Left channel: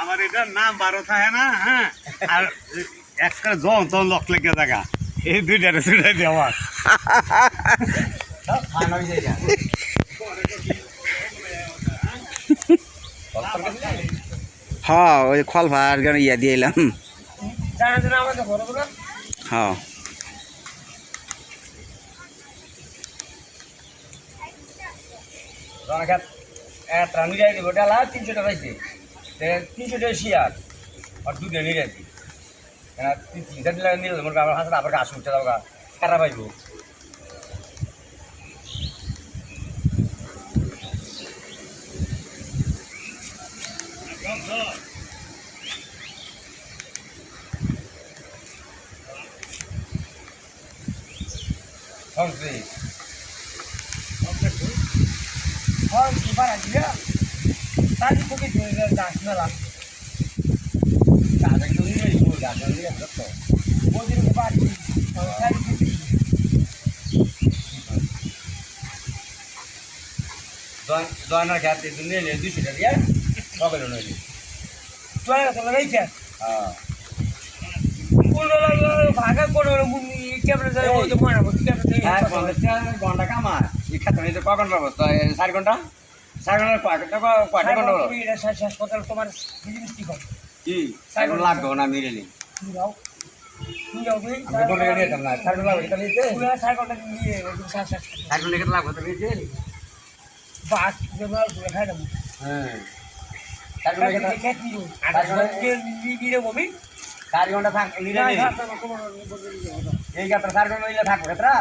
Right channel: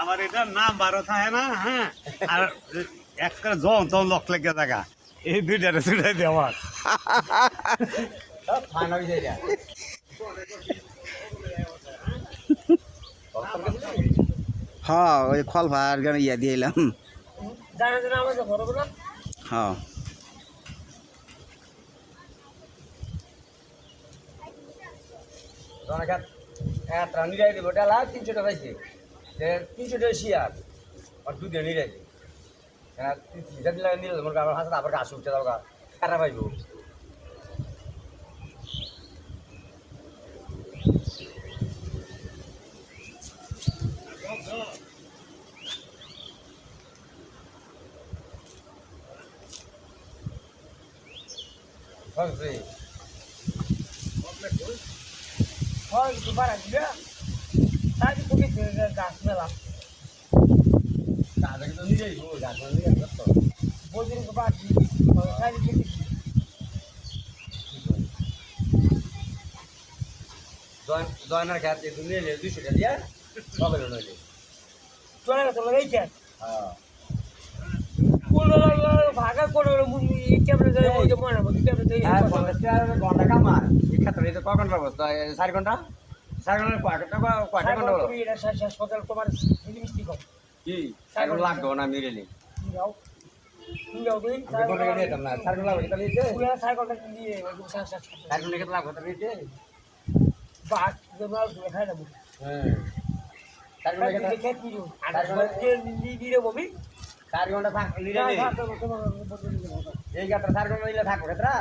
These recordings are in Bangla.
আমার এটার নাম 12 থাকে না, হ্যাঁ, আর একটা জন তো লক লেগে থাকা এই দুইটারে ছুটাই দিয়ে আমার হ্যাঁ ওই খল ভার ইয়া দিয়ে এলাম হ্যাঁ ওটা 300 টাকা পাইছে 300 টাকা শিয়ার আর 2 দিন নিয়ে যাচ্ছি হ্যাঁ 300 টাকা নিয়ে যাবো আমার হাতে আবার গাছ উঠতে যাবো খারাপ পাইবো সংস্কৃত হয় সুপার আছে না তাই খুবই সুন্দর গাছ মেলা গাছ একটু নিয়ে যাবো গাছ নিয়ে যাবো ওদের সুপার তাই খুবই দোয়ানার খেতে নিয়ে এলে 200 টাকা দিয়ে সকালে নইলে চলে গেছে লাগাইছে হ্যাঁ কোন ভাগা কোন ক্যামেরা যায় ওই তো মনে মনে হ্যাঁ ক্যামেরা 50 ঘন্টা কামার এই ক্ষেত্রে যে ক ঘন্টা পাবো 4 ঘন্টা 4 ঘন্টা কয়টা ঘন্টা পাবো এটা শেষ কথা তোমার বিজনেস ঠিক হবে কি 4 ঘন্টা লাগবে না মিলেলি যাও তুমি যাও তুই আমি বলে নিতাম না 4 ঘন্টা লাগবে তাহলে দিতে পুরো 4 ঘন্টা নিয়ে শেষ 4 ঘন্টা কত লাগবে তাহলে দিতে বাস আমরা খাই নেবো হ্যাঁ 4 ঘন্টা দেখে কি আর নিয়ে বমি 4 ঘন্টা থাক নিলে এই ক্ষেত্রে 4 ঘন্টা নিলে থাকবে ক্ষেত্রে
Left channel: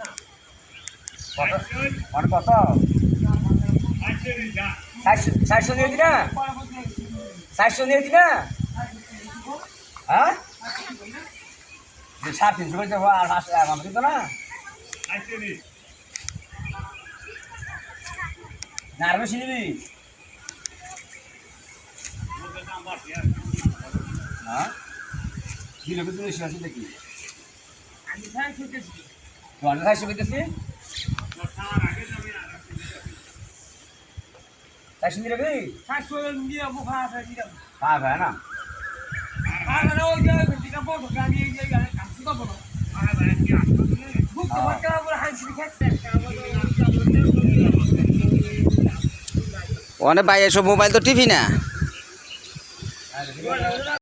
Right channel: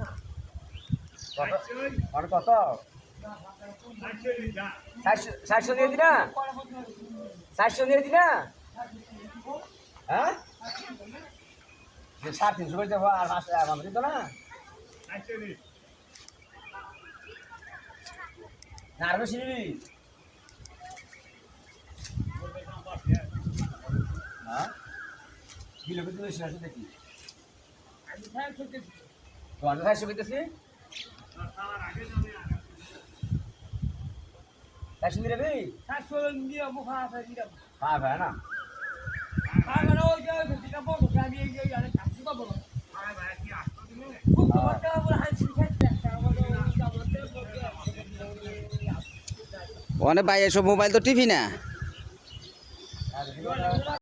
না কত অনেক কত 400 নিয়ে দিনা 400 নিয়ে দিনা হ্যাঁ যে 350 করে দেবো আর 500 টাকা দিত না না আর বেশি নিবি হ্যাঁ কি লোক তুমি বেশি আছে দেখি আমি খাই খেতেছি তোমার 400 পেতেছি 400 নিয়ে যাবি 500 নিয়ে যাবো ভাড়া দিয়ে যাবো হ্যাঁ ভাই না ভাড়া ওই যে দিকা বড় গাড়ি এই গাড়ি কাছে তো বলো ভাড়া ভাই কি আসবে খুব টাকা বলে হাসি খেতে অনেক ভাই এসব মোবাইল তো টিভি না টাকা